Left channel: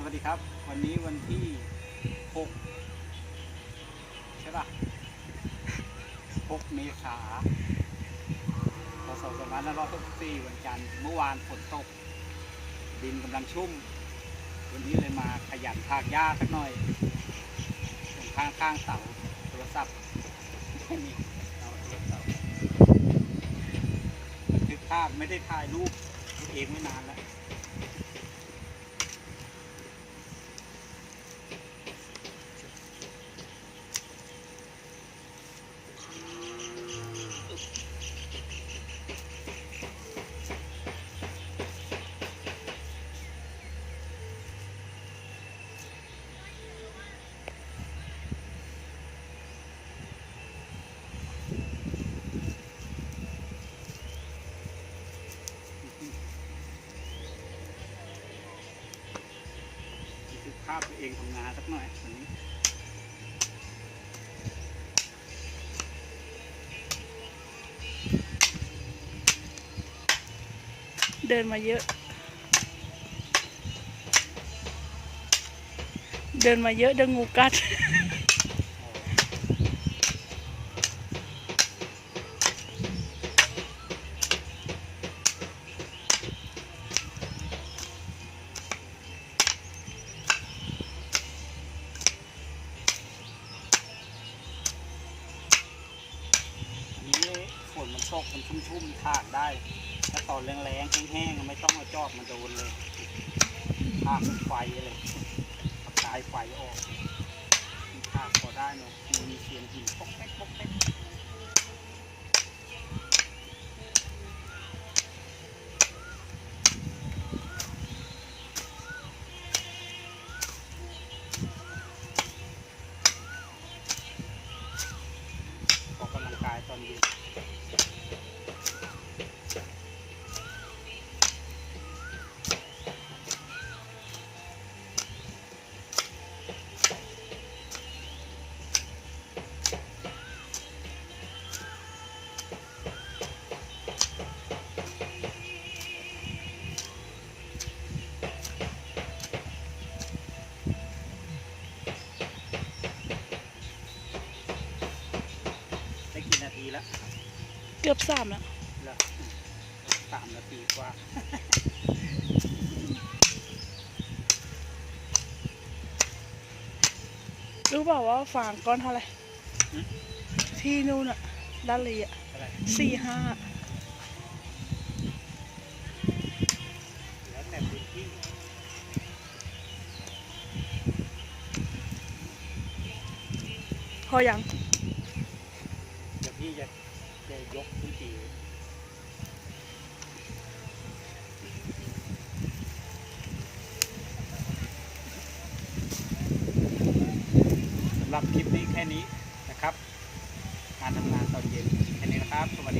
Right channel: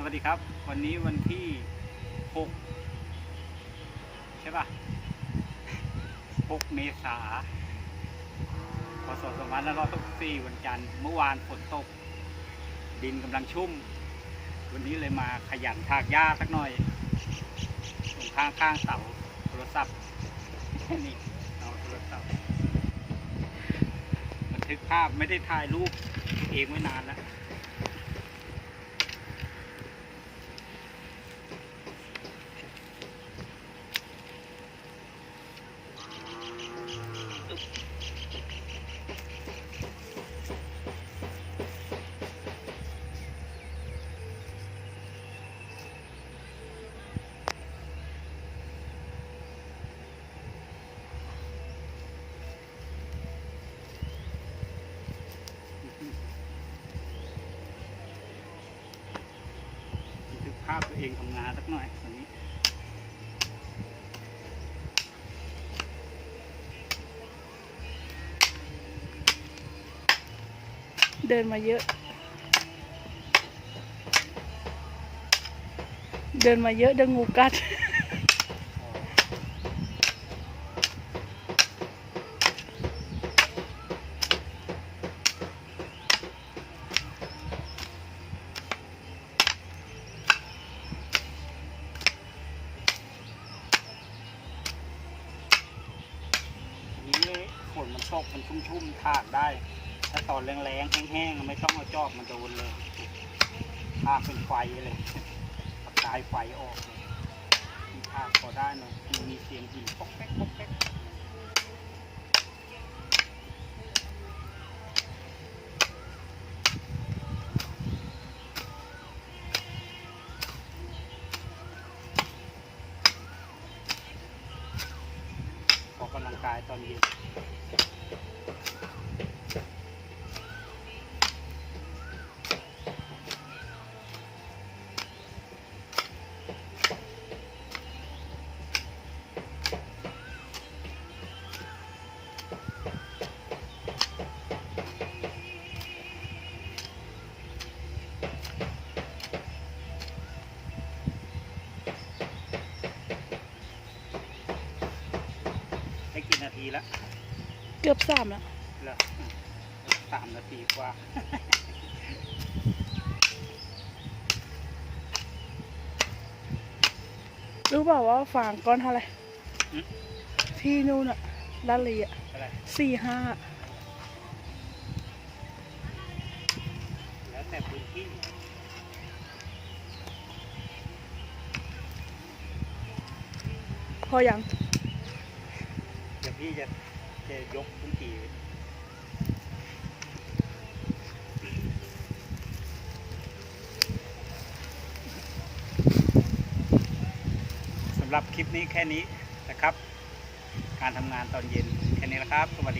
สวัสดีครับวันนี้วันที่6ใช่ป่ะ6 เมษายนพศ2564วันจันทร์เมื่อวานฝนตกดินกำลังชุ่มวันนี้เลยมาขยันถากหญ้าสักหน่อยตรงข้างเสาโทรศัพท์แค่นี้เอาโทรศัพท์บันทึกภาพไม่ได้ถ่ายรูปตัวเองไว้นานแล้วภาพตัวเองทำงานสักหน่อยวันนี้เดินมาเยอะเดินงูกัดฝนมันตกมันชุ่มๆถากได้ถ้าตอนแรงๆแห้งๆไม่ต้องเอาจอบมาโดนเลยถากเป็นไฟเลยประกายไฟออกเลยถากพอได้เนาะมีเสียงหินป๊อกแป๊กป๊อกแป๊กออกกำลังกายตอนเย็นได้กี่นาทีแล้วเกือบ3แล้วเหรอ3 นาทีกว่า รู้เปล่าว่าฟางก้อนเท่าไหร่ที่นู่นอะลาลีอะ4-5แล้วแต่พื้นที่พอยังเดี๋ยวพี่จะยกพื้นที่สำหรับคลิปนี้แค่นี้นะครับการทำงานตอนเย็นแค่นี้นะครับสวัสดี